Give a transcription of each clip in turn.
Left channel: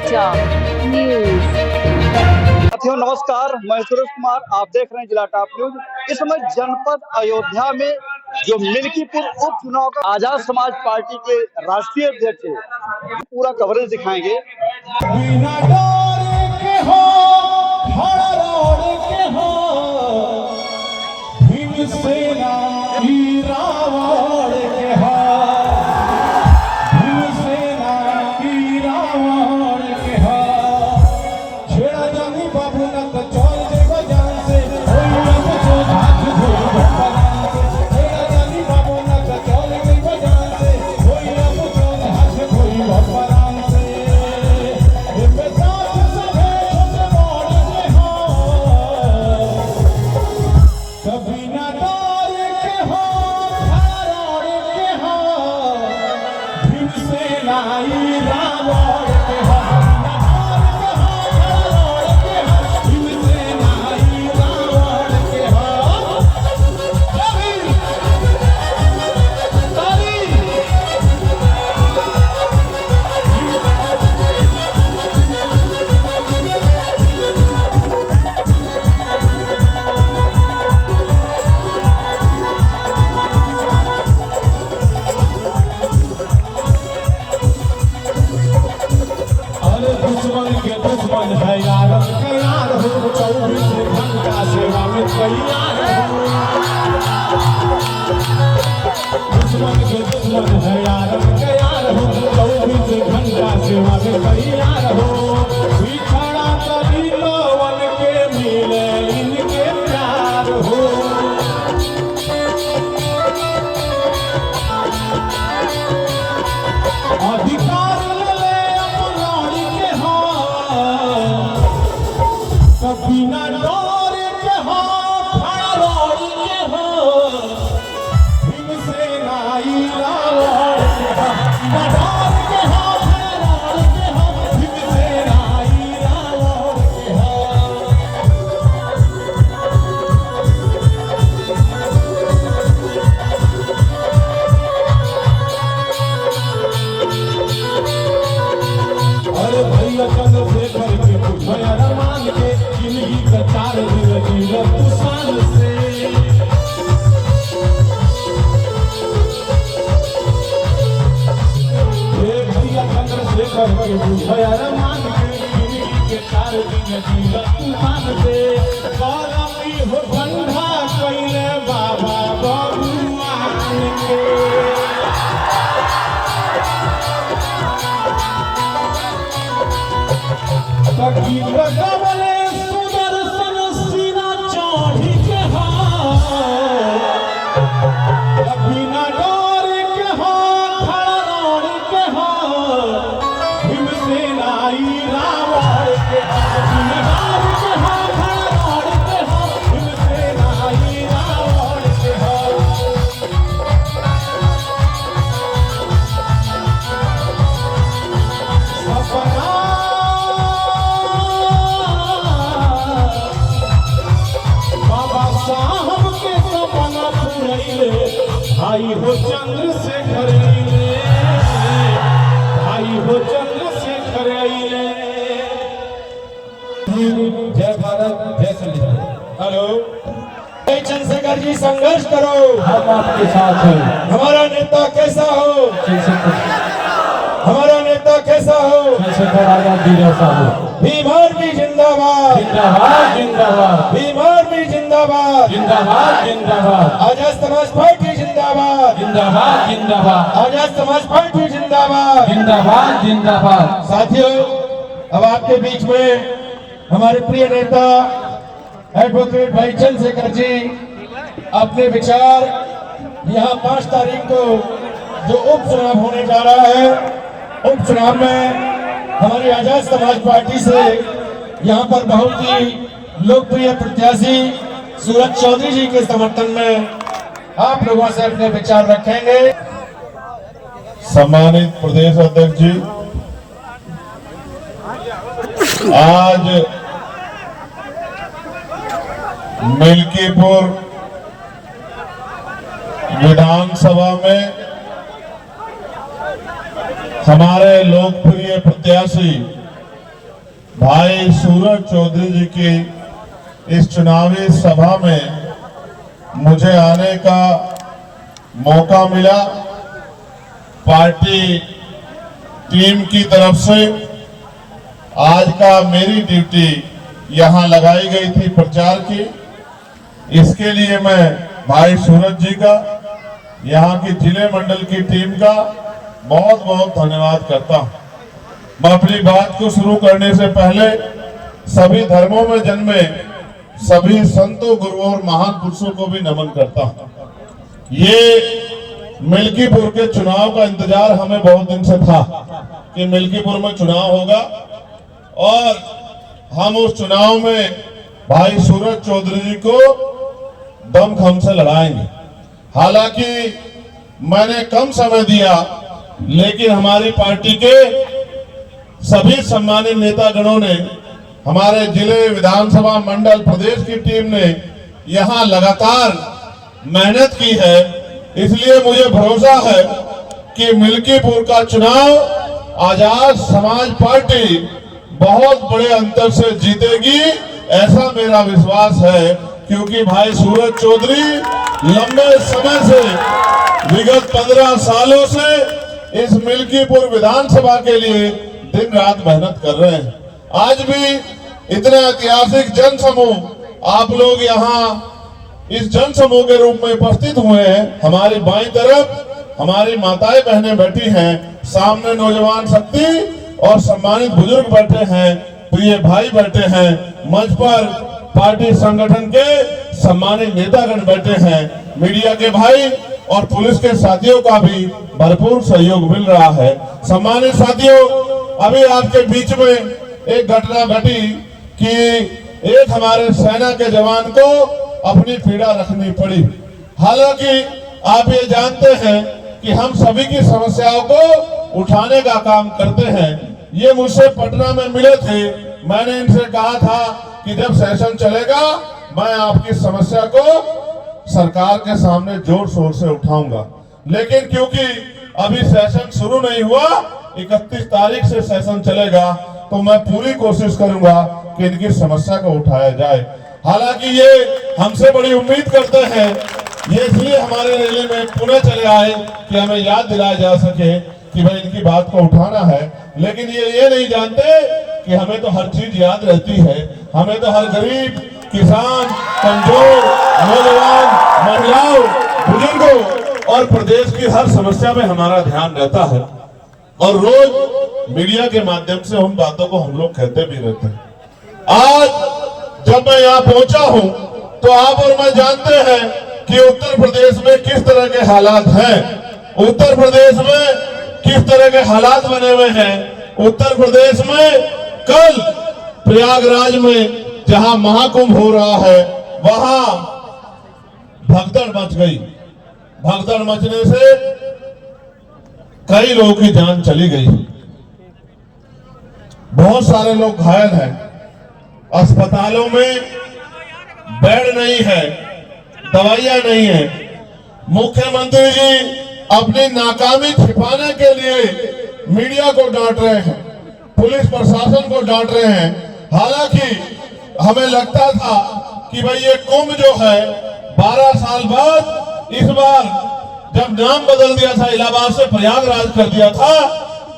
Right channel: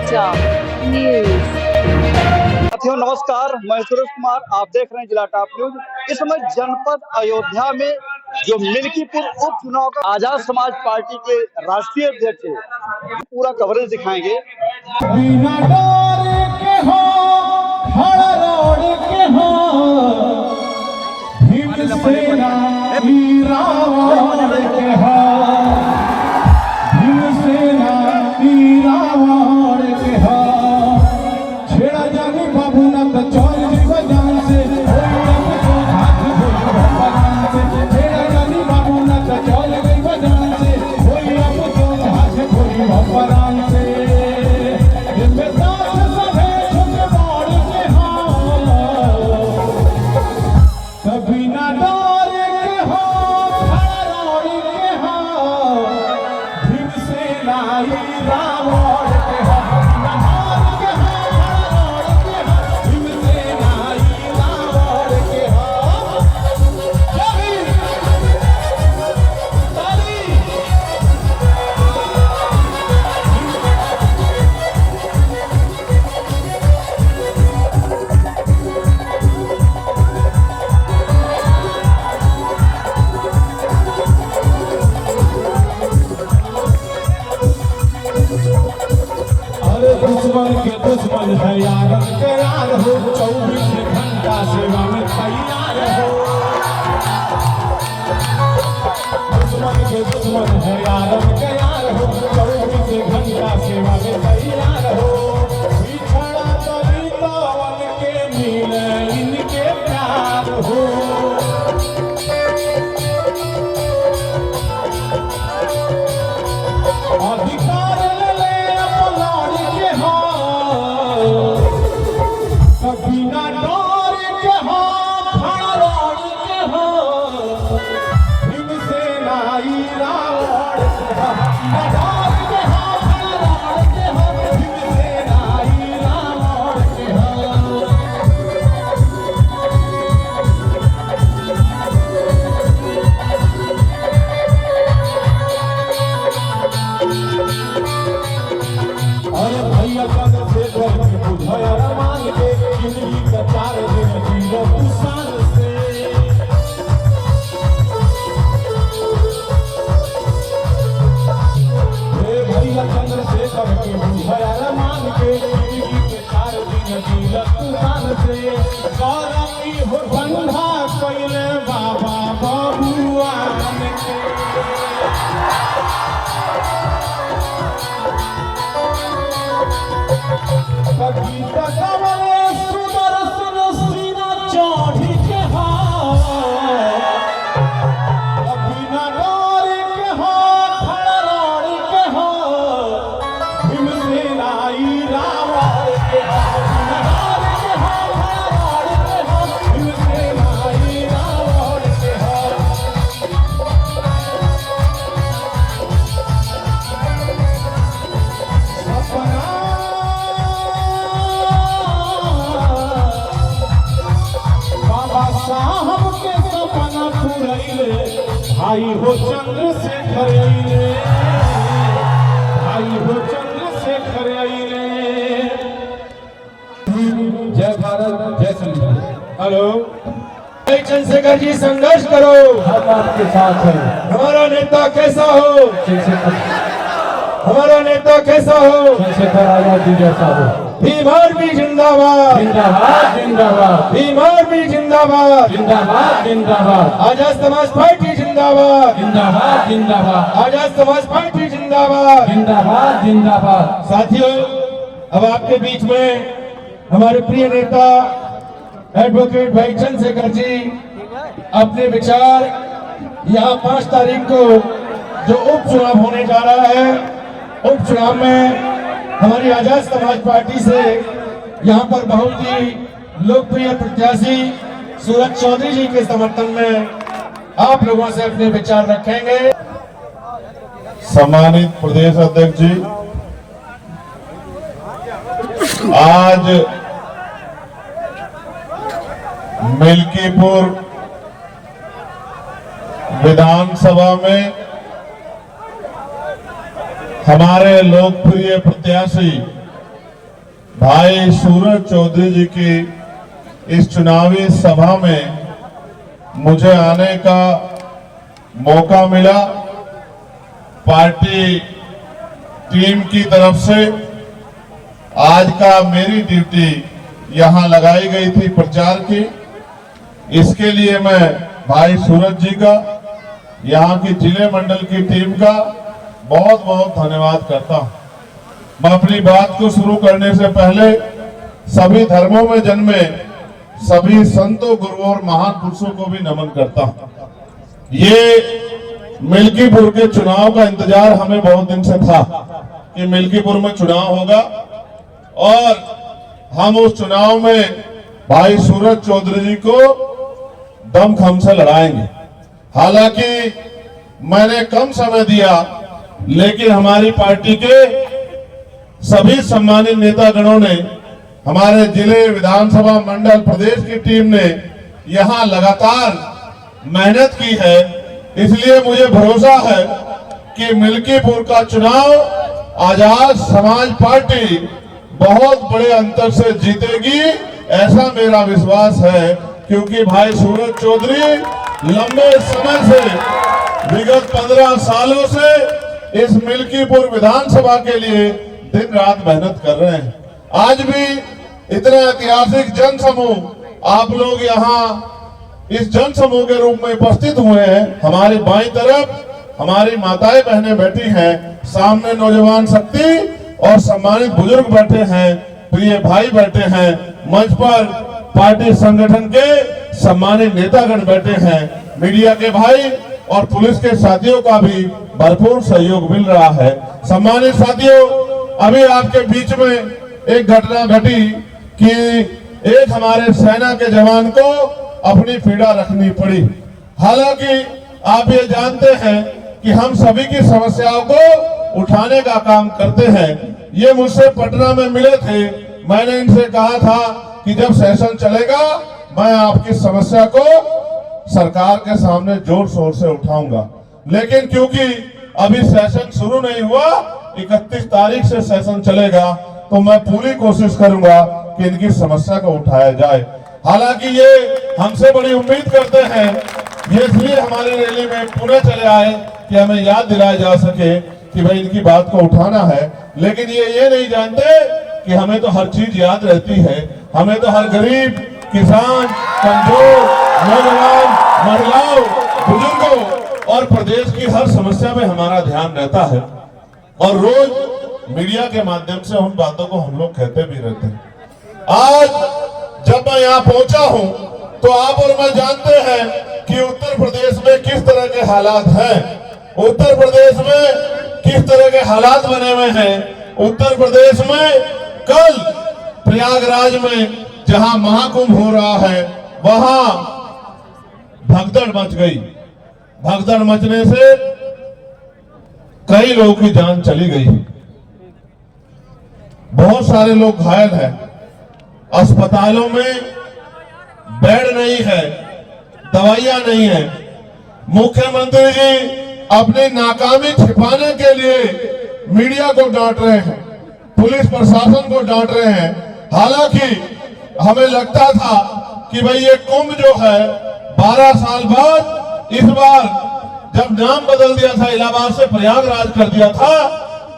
चर्चा न्यूज। साथियों नमस्कार, मैं सुरेश कुमार, आप देख रहे हैं जिला टॉप न्यूज। इस समय जनपद अयोध्या में जो मिल्कीपुर उपचुनाव का आजाद समाज पार्टी के राष्ट्रीय अध्यक्ष है, पूरा कवरेज दिखाएंगे। दुश्मन है यार करार हो, 24 घंटा सेवा में तैयार हो। दुश्मन है यार करार हो, 24 घंटा सेवा में तैयार हो। बिछड़ा कभी तो वन के मिले इनके प्यार हो। अधिकार बिना डर के हो, खड़ा लड़ के हो, भीमसेन आई रावण बिना डर के हो, खड़ा लड़ के हो, भीमसेन आई रावण के हो। अरे भैया अपन से करके बुझाया मान के भाई हो चंद्रशेखर, भाई हो चंद्रशेखर। जय भारत, जय संविधान। हेलो चंद्रशेखर जी, संघर्ष करो, हम आपके साथ हैं। हमारा नेता कैसा हो, हमारा नेता कैसा हो, चंद्रशेखर आजाद जैसा हो। भीम आर्मी जिंदाबाद, जिंदाबाद जिंदाबाद। भीम आर्मी जिंदाबाद, जिंदाबाद जिंदाबाद। आजाद समाज पार्टी जिंदाबाद, जिंदाबाद जिंदाबाद। आजाद समाज पार्टी जिंदाबाद, जिंदाबाद जिंदाबाद। साथियों, अब आपके बीच में हमारे प्रिय नेता एडवोकेट भाई चंद्रशेखर जी अपने विचार यहाँ 5 तारीख को जो उपचुनाव होने जा रहा है, उपचुनाव में हमारी आजाद समाज पार्टी से यहाँ पर बहुत ही लोकप्रिय प्रत्याशी सूरज चौधरी जी के समर्थन में आप लोगों से अपने विचार रखेंगे। सम्मानित प्रदेश अध्यक्ष जी, आज मिल्कीपुर विधानसभा में हमारे लोकप्रिय प्रत्याशी भाई सूरज चौधरी जी की इस चुनावी सभा में मुझे आने का मौका मिला। पार्टी टीम की तरफ से आज का मेरी ड्यूटी यहां लगाई गई थी प्रचार की। इसके लिए मैं भाई सूरज जी का, यहां की जिले मंडल की टीम का बहुत बहुत धन्यवाद करता हूं। मैं अपनी बात को शुरू करने से पहले सभी धर्मों में जन्मे सभी संतों, गुरुओं और महान पुरुषों को भी नमन करता हूं। ये मिल्कीपुर के चुनाव का इंतजार हमें बहुत दिन से था कि मिल्कीपुर में चुनाव होगा और हम उस चुनाव में भाई सूरज चौधरी जी को दमखम से लड़ाएंगे। हालांकि मैंने कम समय दिया, लेकिन हमारी पार्टी के सभी सम्मानित नेतागणों ने, हमारे जिले, विधानसभा मंडल, प्रदेश की टीम ने यहां लगातार मेहनत की है। इसलिए मुझे भरोसा है कि मिल्कीपुर का चुनाव आजाद समाज पार्टी बहुत बड़े अंतर से जीतेगी, ऐसा मेरा विश्वास है। क्योंकि भाई सूरज चौधरी लंबे समय से, विगत 15 सालों से इस मिल्कीपुर विधानसभा के लिए दिन रात मेहनत कर रहे हैं। आज भी इतना ऐतिहासिक जन समूह आप लोग यहाँ इस जन समूह के रूप में उपस्थित हुए हैं। हमारी बाईं तरफ हमारी माताएं बहनें बैठी हैं, सामने नौजवान शक्ति और सम्मानित बुजुर्ग बैठे हैं, प्रिय भाई बैठे हैं, मंच पर पार्टी संगठन के सम्मानित नेतागण बैठे हैं, मीडिया के भाई और पुलिस के साथियों का भी भरपूर सहयोग मिल रहा है। सम्मानित साथियों, अभी आपके बीच में एक घटना घटी कि एक हमारे सेना के जवान को अपनी पीड़ा रखनी पड़ी। हालांकि आप ये जानते हैं कि हम सभी की समस्याओं को उठाने का काम करते हैं। ये मुझसे पटना में मिले थे, मैंने इनसे कहा था कि जब सेशन चलेगा मैं आपकी समस्या को सरकार के सामने जोर शोर से उठाऊंगा। लेकिन क्योंकि अभी सेशन शुरू नहीं हुआ, 31 तारीख से सेशन चलेगा, तो मैं पूरी कोशिश करूंगा कि इनकी समस्या को उठाया जाए। हालांकि ये हमसे बड़ी उम्मीद करते हैं, ये इसलिए हमारी रैली में पुणे चले आए कि हमें याद दिलाया जा सके कि भाई इनकी बात को उठाना है। लेकिन ये नहीं जानते कि हमें तो हर चीज याद रहती है, हमें तो हर गरीब, किसान, कमजोर, नौजवान, महिलाओं, बुजुर्गों और प्रदेश की हर समस्या में हमारा ध्यान रहता है। और रोज मीडिया के माध्यम से उन बातों को हम लोग कहते भी रहते हैं। आज जब मैं यहाँ पहुंचा हूँ तो आप और मैं जानते हैं कि उत्तर प्रदेश में किस तरह के हालात हैं, उत्तर प्रदेश में किस तरह के हालात बने हुए हैं। उत्तर प्रदेश में कल प्रयागराज में जहां महाकुंभ हो रहा है, वहां भगदड़ मच गई। भगदड़ मचने से कई लोगों की जान चली गई, बहुत सारे लोग घायल हैं, अस्पतालों में बेड नहीं है, दवाइयां नहीं है। मुख्यमंत्री जी अपनी नाकामी छिपाने के लिए मीडिया को डांट रहे हैं, पुलिस प्रशासन को डांट रहे हैं। हालांकि हमें लगता था कि भाई ये कुंभ जो है 12 साल बाद, इस बार जब नाम बदल दिया था, इलाहाबाद से प्रयागराज कर दिया था,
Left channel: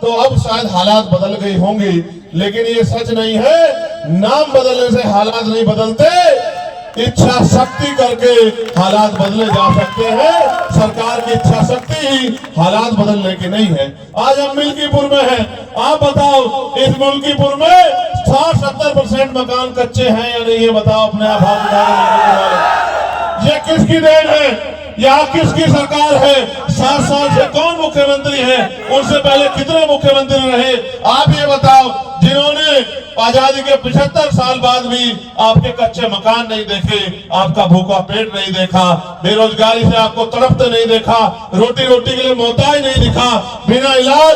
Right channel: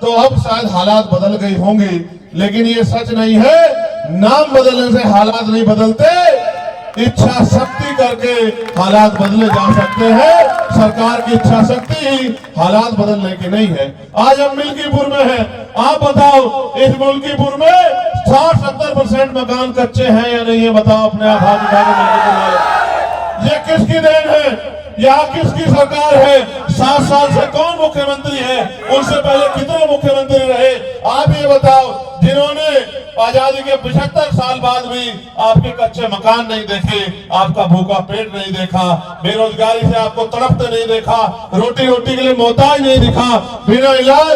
तो अब शायद हालात बदल गई होंगी। लेकिन ये सच नहीं है, नाम बदलने से हालात नहीं बदलते, इच्छा शक्ति करके हालात बदले जा सकते हैं। सरकार की इच्छा शक्ति ही हालात बदलने की नहीं है। आज हम मिल्कीपुर में हैं, आप बताओ इस मिल्कीपुर में 60-70% मकान कच्चे हैं या नहीं है? बताओ अपने आप। ये किसकी देन है? यहाँ किसकी सरकार है? 7 साल से कौन मुख्यमंत्री है? उनसे पहले कितने मुख्यमंत्री रहे? आप ये बताओ, जिन्होंने आजादी के 75 साल बाद भी आपके कच्चे मकान नहीं देखे, आपका भूखा पेट नहीं देखा, बेरोजगारी से आपको तड़पते नहीं देखा, रोटी के लिए मोहताज नहीं दिखा, बिना इलाज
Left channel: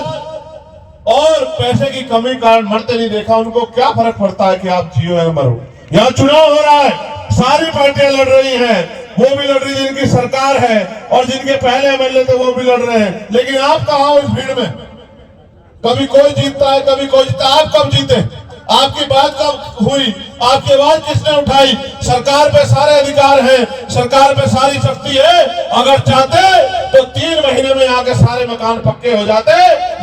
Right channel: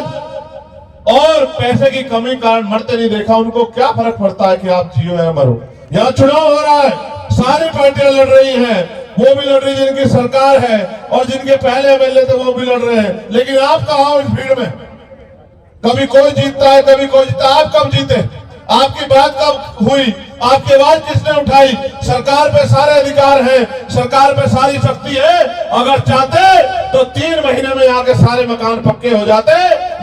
और पैसे की कमी कारण मरते नहीं देखा, उनको क्या फर्क पड़ता है कि आप जियो या मरो? यहाँ चुनाव हो रहा है, सारी पार्टियां लड़ रही हैं, वो भी लड़ रही जिनकी सरकार है और जिनके पहले एमएलए थे वो भी लड़ रहे हैं। लेकिन आप कहाँ हो इस भीड़ में? कभी कोई जीतता है, कभी कोई जीतता है। आप कब जीते? आपकी बात कब हुई? आपकी आवाज किसने उठाई? सरकार पे सारे अधिकार हैं, सरकार पे सारी शक्ति है। अगर चाहते तो 3 महीने में यहाँ के सारे मकान पक्के हो जाते,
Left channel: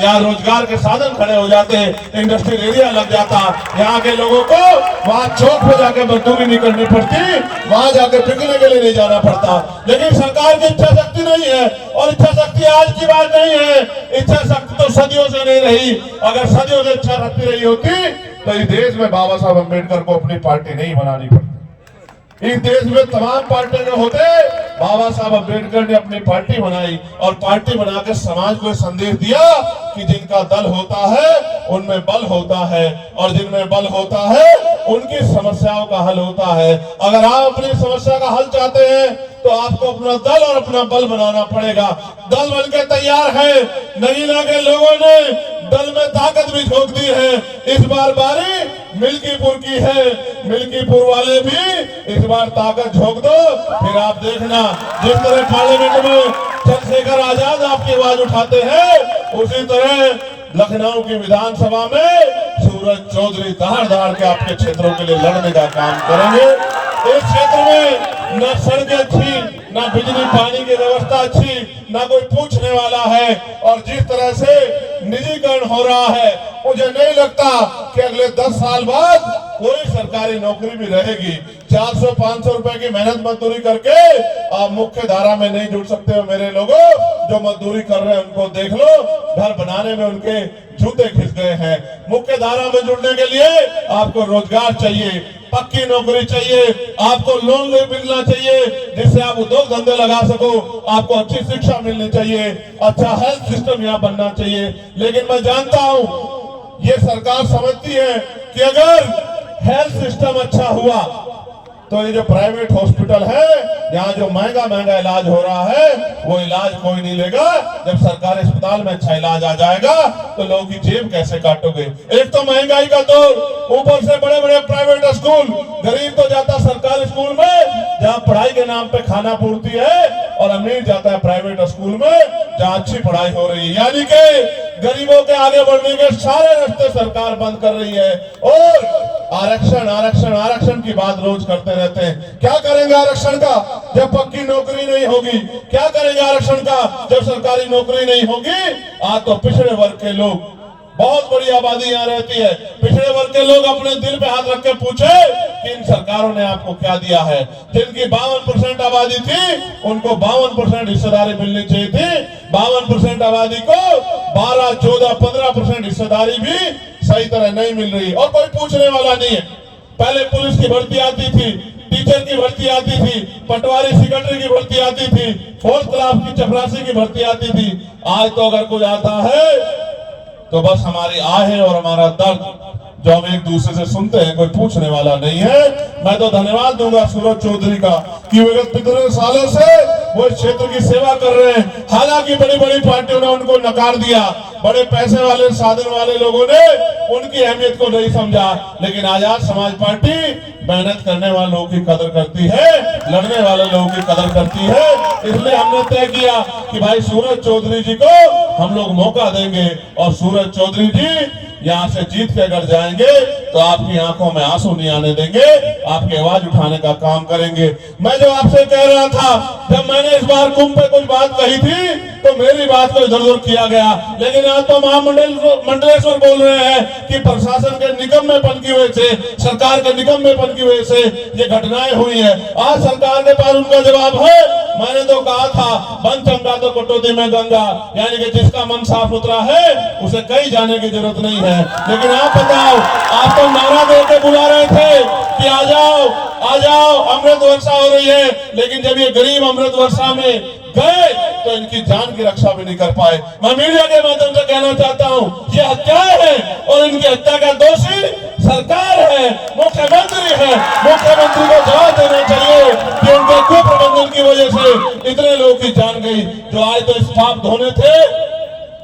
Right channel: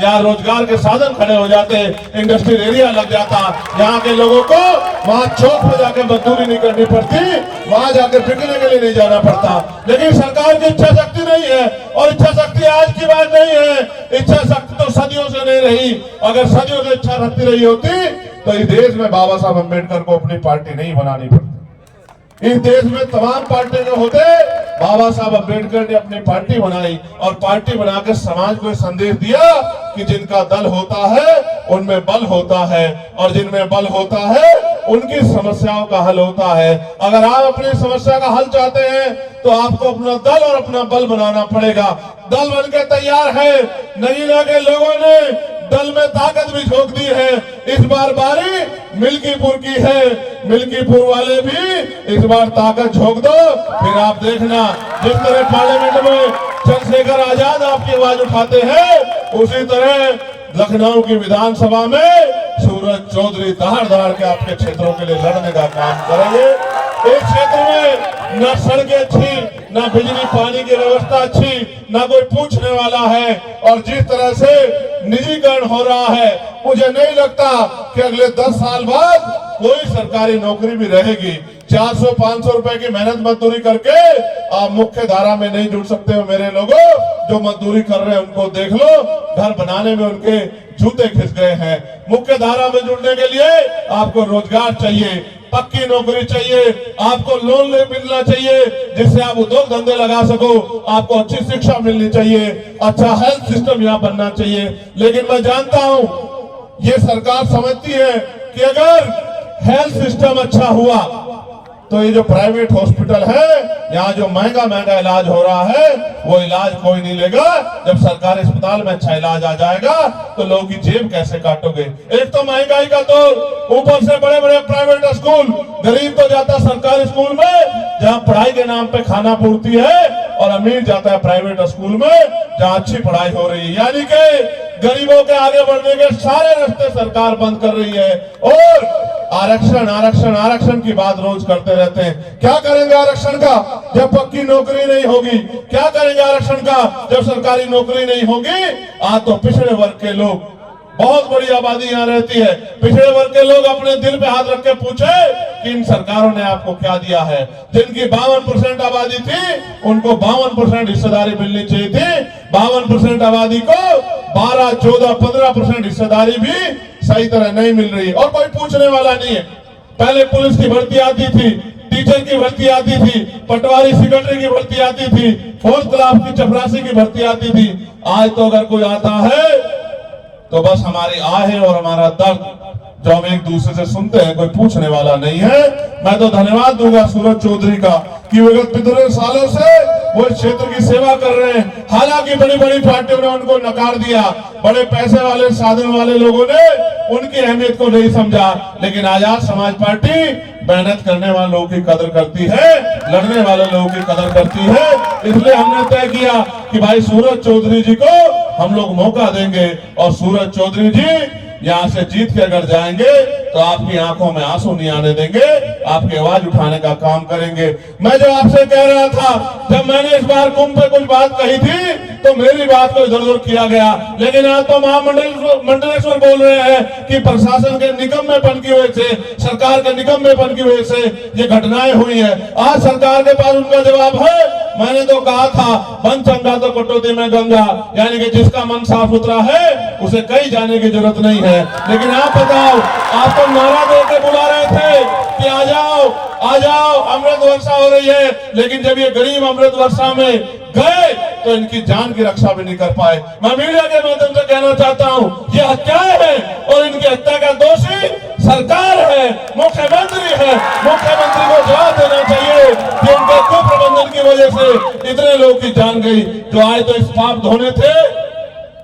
यहाँ रोजगार के साधन खड़े हो जाते, इंडस्ट्रियल एरिया लग जाता, यहाँ के लोगों को वहाँ चौक पे जाके मजदूरी नहीं करनी पड़ती, वहाँ जाके बिकने के लिए नहीं जाना पड़ता। लेकिन सरकार की इच्छा शक्ति नहीं है, और इच्छा शक्ति आज की बात नहीं है, इच्छा शक्ति तो सदियों से नहीं रही। अगर सदियों से इच्छा शक्ति रही होती तो इस देश में बाबा साहब अम्बेडकर को अपनी पार्टी नहीं बनानी पड़ती। इस देश में तमाम पार्टी के होते, बाबा साहब अम्बेडकर ने अपनी पार्टी बनाई, और पार्टी बना के समाज को संदेश दिया कि जिनका दल होता है उनमें बल होता है, और जिनमें बल होता है उनकी समस्याओं का हल होता है। अगर आप अपनी समस्या का हल चाहते हैं तो आपको अपना दल और अपना बल बनाना पड़ेगा। दल बनके तैयार है, नगीना के लोगों ने दल में ताकत भी झोंक दी है। इस बार बारी मिल्कीपुर की है, मिल्कीपुर वाले भी इस बार ताकत झोंक दो, फिर आप देखना जिस तरह पार्लियामेंट में चंद्रशेखर आजाद आपकी आवाज उठाते हैं, उसी तरह लखनऊ की विधानसभा में सूरज चौधरी दहाड़ दहाड़ के आपके क्षेत्रों के लिए लड़ने का काम करेंगे। इस क्षेत्र में न सड़कें अच्छी, न बिजली पानी की व्यवस्था अच्छी, न कोई पूछने वाला है, और जिस तरह से निजीकरण हो रहा है, मुझे नहीं लगता कि अगले 10 साल बाद कोई सरकारी नौकरी भी रहेगी। 400-500 रुपए की मेहनत मजदूरी करके आप मुख्य धारा में नहीं जुड़ सकते हो। मेरे लोगों जो मजदूरी कर रहे हैं उनको देख लो, घर बनाने में उनके जूते खिस गए हैं। मुख्य धारा में जुड़ने के लिए आपको रोजगार चाहिए, पक्की नौकरी चाहिए, आपको लोन ले मिलना चाहिए जिससे आप उद्योग धंधे लगा सको, आपको अच्छी शिक्षा मिलनी चाहिए, अच्छा हेल्थ सिस्टम यहाँ बनना चाहिए। लेकिन मैं जानता हूँ ये सरकार समझती है कि अगर हेल्थ सिस्टम अच्छा हुआ तो ये जो प्राइवेट हॉस्पिटल है, यहाँ जो महंगा महंगा इलाज हो रहा है वो इलाज कोई नहीं लेगा। जब सरकारी अस्पताल में अच्छा इलाज आ जाएगा तो लोगों की जेब कैसे काटोगे? एक तो महंगाई का दौर, ऊपर से बड़े बड़े प्राइवेट स्कूल, गरीब तो जाता सरकारी स्कूल में जहाँ पढ़ाई के नाम पे खाना पूर्ति है, और अमीर जाता है प्राइवेट स्कूल में जहाँ अच्छी पढ़ाई हो रही है। यानी कि गरीबों के आगे बढ़ने के सारे रास्ते सरकार बंद कर रही है, और आरक्षण आरक्षण आरक्षण की बात रोज करते रहते हैं। क्या करेंगे आरक्षण का जब पक्की नौकरी नहीं होगी? क्या करेंगे आरक्षण का जब सरकारी नौकरी नहीं होगी? आज तो पिछड़े वर्ग के लोग, बहुत बड़ी आबादी यहाँ रहती है, पिछड़े वर्ग के लोग अपने दिल पे हाथ रख के पूछे कि इन सरकारों ने आपको क्या दिया है? जिनकी 52% आबादी थी उनको 52% हिस्सेदारी मिलनी चाहिए थी, 52% आबादी को 12, 14, 15% हिस्सेदारी भी सही तरह नहीं मिल रही, और कोई पूछने वाला नहीं है। पहले पुलिस की भर्ती आती थी, टीचर की भर्ती आती थी, पटवारी सेक्रेटरी की भर्ती आती थी, फोर्थ क्लास की चपरासी की भर्ती आती थी। आज तो अगर कोई आता है तो बस हमारी आहे और हमारा दर्द जो हम एक दूसरे से सुनते हैं, कोई पूछने वाला नहीं है। मैं तो धन्यवाद दूंगा सूरज चौधरी का कि विगत 15 सालों से वो इस क्षेत्र की सेवा कर रहे हैं। हालांकि बड़ी बड़ी पार्टियों ने उनको नकार दिया, बड़े पैसे वाले साधन वाले लोगों ने उनकी अहमियत को नहीं समझा, लेकिन आजाद समाज पार्टी मेहनत करने वाले लोगों की कदर करती है, लड़ने वाले लोगों की कदर करती है। इसलिए हमने तय किया कि भाई सूरज चौधरी जी को हम लोग मौका देंगे, और सूरज चौधरी जी यहाँ से जीत के अगर जाएंगे तो आपकी आंखों में आंसू नहीं आने देंगे, आपकी आवाज उठाने का काम करेंगे। मैं जो आपसे कह रहा था, जब मैंने इस बार कुंभ पे कुछ बात कही थी तो मेरी बात को इधर उधर किया गया, लेकिन आज तो महामंडलेश्वर बोल रहे हैं कि प्रशासन के निकम्मेपन की वजह से, सरकार के निकम्मेपन की वजह से ये घटनाएं हुई है। आज सरकार के पास उनका जवाब है। मैंने तो कहा था बन चंगा तो कटौती में गंगा, यानी कि जिसका मन साफ सुथरा है उसे कहीं जाने की जरूरत नहीं है। लेकिन आप बताओ, आप तो नारा देकर बुला रहे थे कि आ जाओ आ जाओ, अमृत वर्षा हो रही है, लेकिन जब ये गरीब अमृत वर्षा में गए तो इनकी जान की रक्षा भी नहीं कर पाए। मैं मीडिया के माध्यम से कहना चाहता हूँ, ये हत्याएं हैं और इनकी हत्या का दोषी सरकार है, मुख्यमंत्री है। मुख्यमंत्री को जवाब देना चाहिए कि उनके कुप्रबंधन की वजह से इतने लोगों की जान गई। जो आए तो इस पाप धोने थे,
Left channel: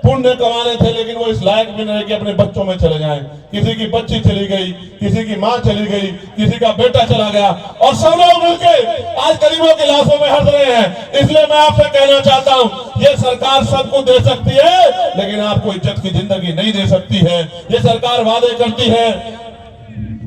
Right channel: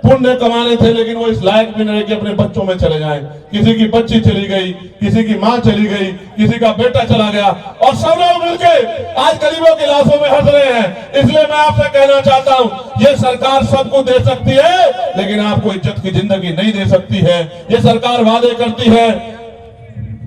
पुण्य कमाने थे, लेकिन वो इस लायक भी नहीं कि अपने बच्चों में चले जाएं। किसी की बच्ची चली गई, किसी की माँ चली गई, किसी का बेटा चला गया, और सब लोग मिलकर आज गरीबों की लाशों में हट रहे हैं। इसलिए मैं आपसे कहना चाहता हूँ, ये सरकार सबको दे सकती है, लेकिन आपको इज्जत की जिंदगी नहीं दे सकती है। ये सरकार वादे करती है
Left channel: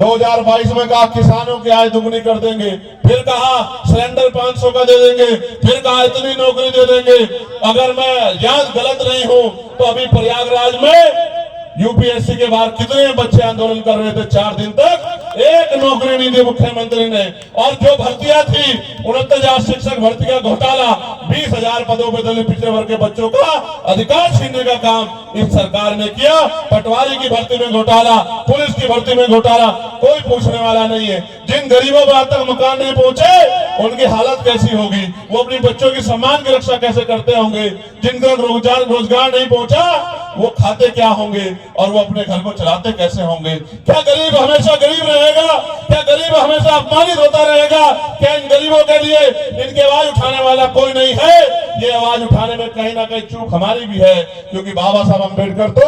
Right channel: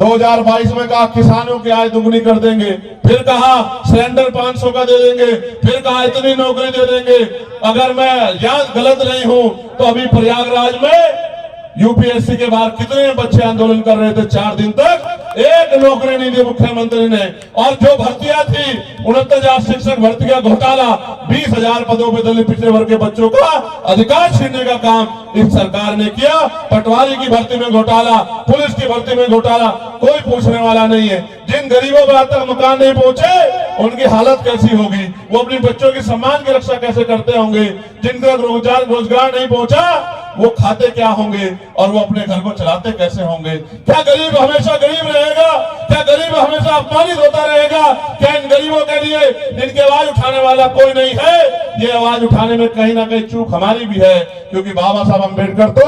2022 में कहा किसानों की आय दुगनी कर देंगे, फिर कहा सिलेंडर 500 का दे देंगे, फिर कहा इतनी नौकरी दे देंगे। अगर मैं याद गलत नहीं हूं तो अभी प्रयागराज में यूपीएससी के बाद कितने बच्चे आंदोलन कर रहे थे, 4 दिन तक एक नौकरी नहीं दी मुख्यमंत्री ने। और जो भर्तियां थी 69,000 शिक्षक भर्ती का घोटाला, 20,000 पदों पर दलित पिछड़े वर्ग के बच्चों का अधिकार छीनने का काम इस सरकार ने किया। पटवारी की भर्ती में घोटाला, पुलिस की भर्ती में घोटाला, कोई पूछने वाला नहीं है। जिन गरीबों को आज तक मकान नहीं पहुंचे उनकी हालत कैसी होगी, वो अपने बच्चों की सम्मान की रक्षा कैसे करते होंगे। जिनका रोजगार नहीं पहुंचा वो खाते क्या होंगे और वो अपने घर को चलाते कैसे होंगे। क्या गरीब हमेशा गरीब रहेगा? क्या गरीब हमेशा अपमानित होता रहेगा? क्या इन गरीबों के लिए इनकी आवाज उठाने वाला कोई नहीं है? ये आवाज उठाने में कहीं ना कहीं चूक हमारी भी है, क्योंकि बाबा साहब अम्बेडकर तो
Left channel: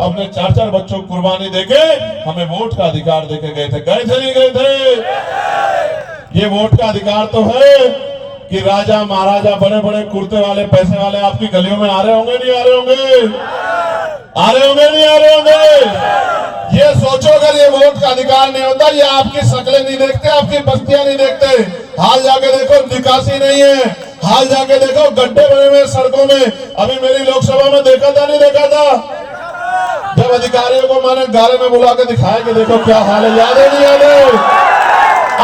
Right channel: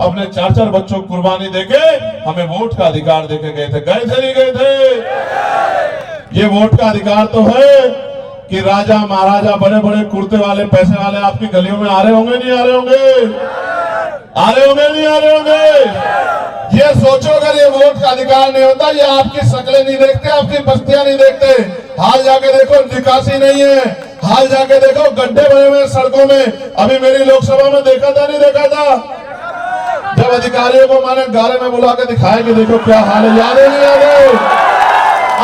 अपने 4-4 बच्चों को कुर्बानी देके हमें वोट का अधिकार देके गए थे। गए थे नहीं गए थे? ये वोट का अधिकार तो है कि राजा महाराजा बड़े बड़े कुर्ते वाले पैसे वाले आपकी गलियों में आ रहे होंगे नहीं आ रहे होंगे? आ रहे होंगे नहीं आ रहे होंगे? ये सोचो अगर ये वोट का अधिकार नहीं होता, ये आपकी शक्लें नहीं देखते, आपकी बस्तियां नहीं देखते। हाल जाके देखो निकासी नहीं है, हाल जाके देखो गड्ढे बने हुए सड़कों में। अभी मेरी लोकसभा में देखा था नहीं देखा था, जब अधिकारियों को मैंने गाड़ी में बुला के दिखाया कि देखो क्या हाल है, याद है नहीं आ रहा?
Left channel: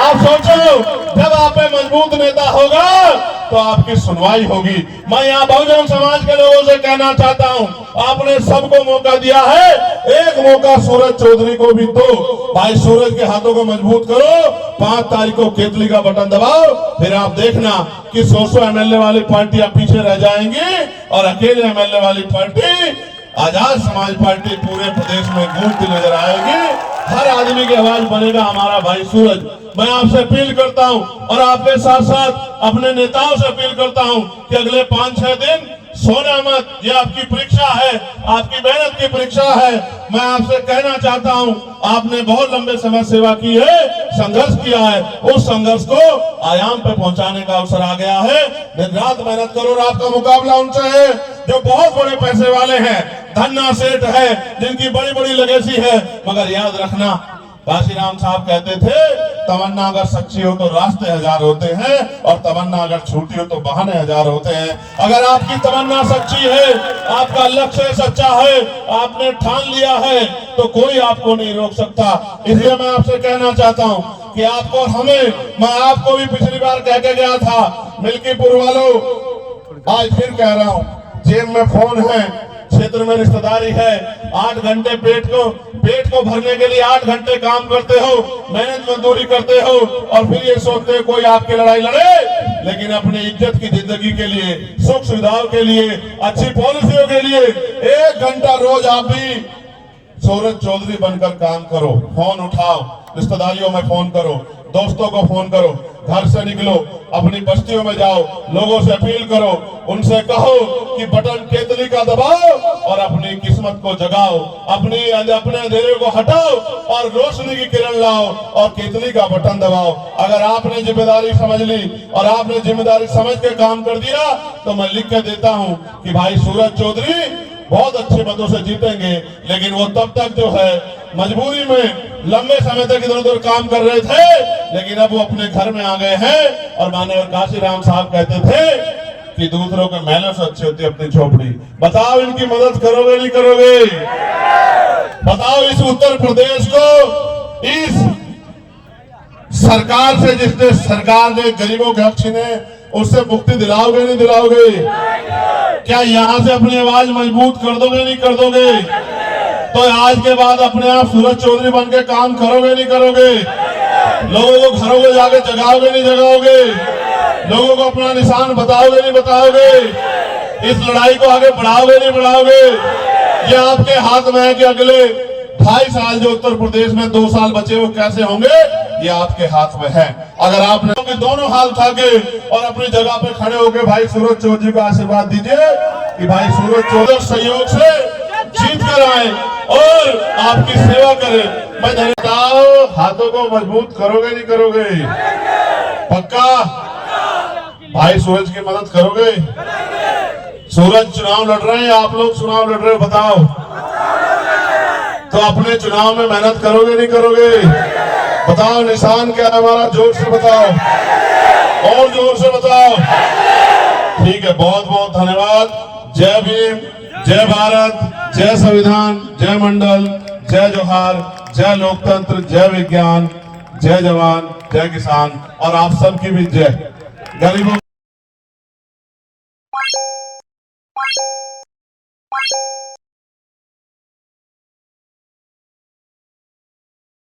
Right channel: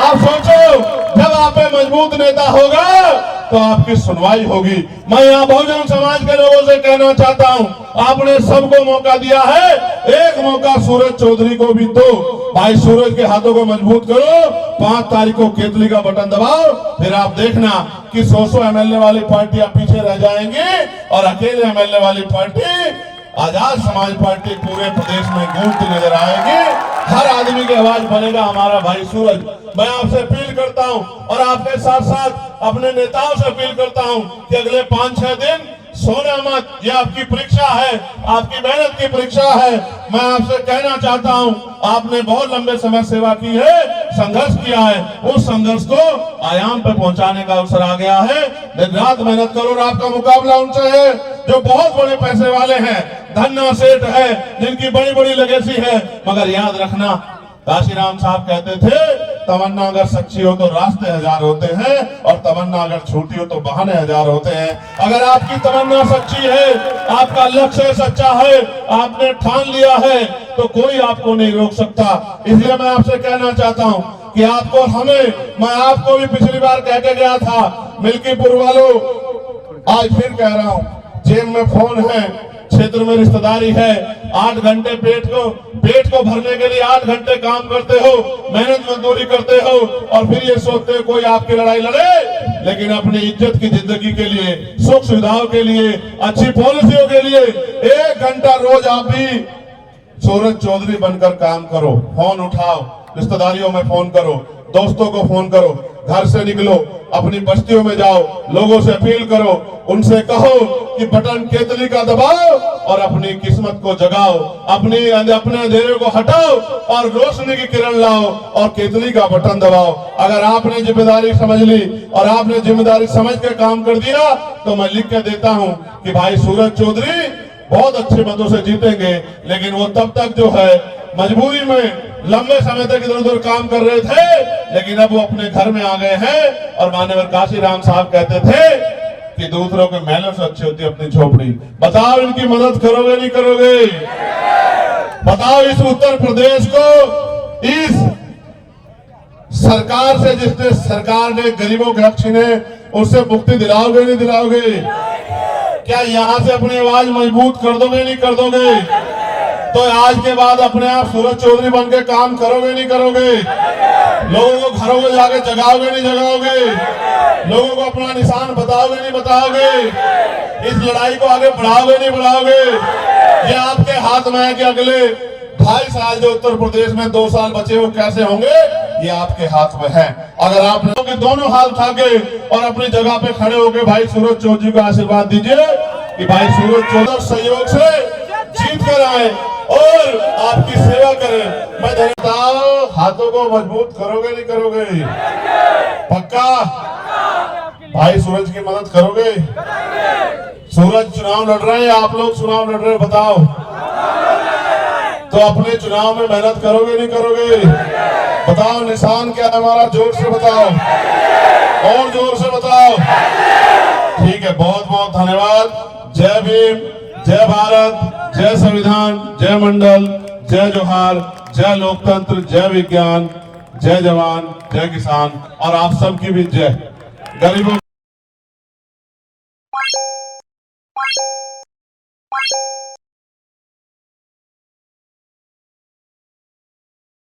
आप सोचो जब आप में मजबूत नेता होगा तो आपकी सुनवाई होगी। मैं यहाँ बहुजन समाज के लोगों से कहना चाहता हूँ, आपने सबको मौका दिया है, एक मौका सूरज चौधरी को भी दो। भाई सूरज के हाथों को मजबूत करो, 5 तारीख को केतली का बटन दबाओ, फिर आप देखना कि 100 एमएलए वाली पार्टियां पीछे रह जाएंगी और अकेले एमएलए वाली पार्टी आजाद समाज पार्टी पूरे प्रदेश में घूमती नजर आएगी। हर आदमी की आवाज बनेगा हमारा भाई सूरज। मैं आपसे अपील करता हूं और आपके साथ साथ अपने नेताओं से अपील करता हूं कि अगले 5-6 दिन सोना मत, ये आपकी परीक्षा है, आपकी मेहनत की परीक्षा है। मैं आपसे कहना चाहता हूं, आपने बहुत लंबे समय सेवा की है, संघर्ष किया है, उस संघर्ष को आयाम पे पहुंचाने का अवसर आ गया है। दिन रात मेहनत करो और आपका मुकाबला उनसे है जो बहुत बड़े पैसे वाले हैं, धन्ना सेठ है, जिनकी बड़ी बड़ी लेगेसी है। मगर याद रखना, काशीराम साहब कहते थे, तमन्ना अगर सच्ची हो तो रास्ते 1000 होते हैं और तमन्ना अगर झूठी हो तो बहाने 1000 होते हैं। अगर आपकी तमन्ना सच्ची है, आपका लक्ष्य सच्चा है, आपने ठान लिया है, तो कोई आपको नहीं रोक सकता। इसलिए मैं आपसे कहना चाहता हूं कि आपको हमें, मैं आपको भी पिछली बार कह के गया था, मिल्कीपुर वालों, आज फिर कह रहा हूं, जेब में फोन है, क्षेत्र में रिश्तेदारी है, 8 घंटे पेट को भरने के लिए 8 घंटे काम करते हो, मेहनत मजदूरी करते हो और फिर ये सोचते हो कोई आपकी लड़ाई लड़े। लेकिन अपनी इज्जत की जिंदगी के लिए, सुख सुविधाओं के लिए, अच्छी पॉलिसियों के लिए 1 घंटा रोज आप भी सूरज चौधरी बनकर काम करो। फोन उठाओ, रिश्तेदारियों में फोन करो, दोस्तों को फोन करो, घर से निकलो, अपनी बस्तियों में जाओ, लोगों से अपील करो, उनसे कहो कि बटन केतली का दबाओ और अपनी किस्मत को जगाओ, अपने अंधेरे को हटाओ और रोशनी की किरण लाओ और केतली का बटन दबाओ। अगर आपने जिम्मेदारी समझ ली और आपने जिम्मेदारी समझ के काम कर दिया तो मैं लिख के देता हूं कि भाई सूरज चौधरी बहुत अच्छे मतों से जीतेंगे। लेकिन वो तब तक जो है मजबूरी में लंबे समय तक इधर उधर काम कर रहे थे, लेकिन अब वो अपने घर में आ गए हैं। और माननीय काशीराम साहब कहते थे कि दूसरों के महलों से अच्छी होती है अपनी झोपड़ी। बताओ इनकी मदद करोगे नहीं करोगे? बताओ इस उत्तर प्रदेश को, इस सरकार से, जिसने सरकार ने गरीबों के हक छीने, उससे मुक्ति दिलाओगे नहीं दिलाओगे? क्या यहाँ से अपनी आवाज मजबूत कर दोगे नहीं कर दोगे? तो आज के बाद अपने आप सूरज चौधरी बन के काम करोगे नहीं करोगे? लोगों को घरों में जाके जगाओगे नहीं जगाओगे? लोगों को अपना निशान बताओगे नहीं बताओगे? इस लड़ाई को आगे बढ़ाओगे नहीं बढ़ाओगे? ये आपके हाथ में है कि अगले 2.5 साल जो उत्तर प्रदेश में 2 साल बचे वो कैसे होंगे, ये आपके हाथ में है। अगर आपने दोनों हाथ उठा के और अपनी जगह पे खड़े होके भाई सूरज चौधरी को आशीर्वाद दीजिए कि भाई सूरज चौधरी सहयोग से जीत कर आए और आपकी सेवा करें। मैं बताओ, हाथों को मजबूत करोगे नहीं करोगे? पक्का? भाई सूरज की मदद करोगे? सूरज चुनाव लड़ रहे हैं, आप लोग चुनाव लड़ रहे हो, बताओ तो अपने चुनाव में मेहनत करोगे नहीं करोगे? बताओ निशान क्या है हमारा, जोर से बताओ, और जोर से बताओ। ठीक है, बहुत बहुत धन्यवाद। जय भीम, जय भारत, जय संविधान, जय मंडल, जय जोहार, जय लोकतंत्र, जय विज्ञान, जय जवान, जय किसान, और आप सबकी भी जय। गरीबों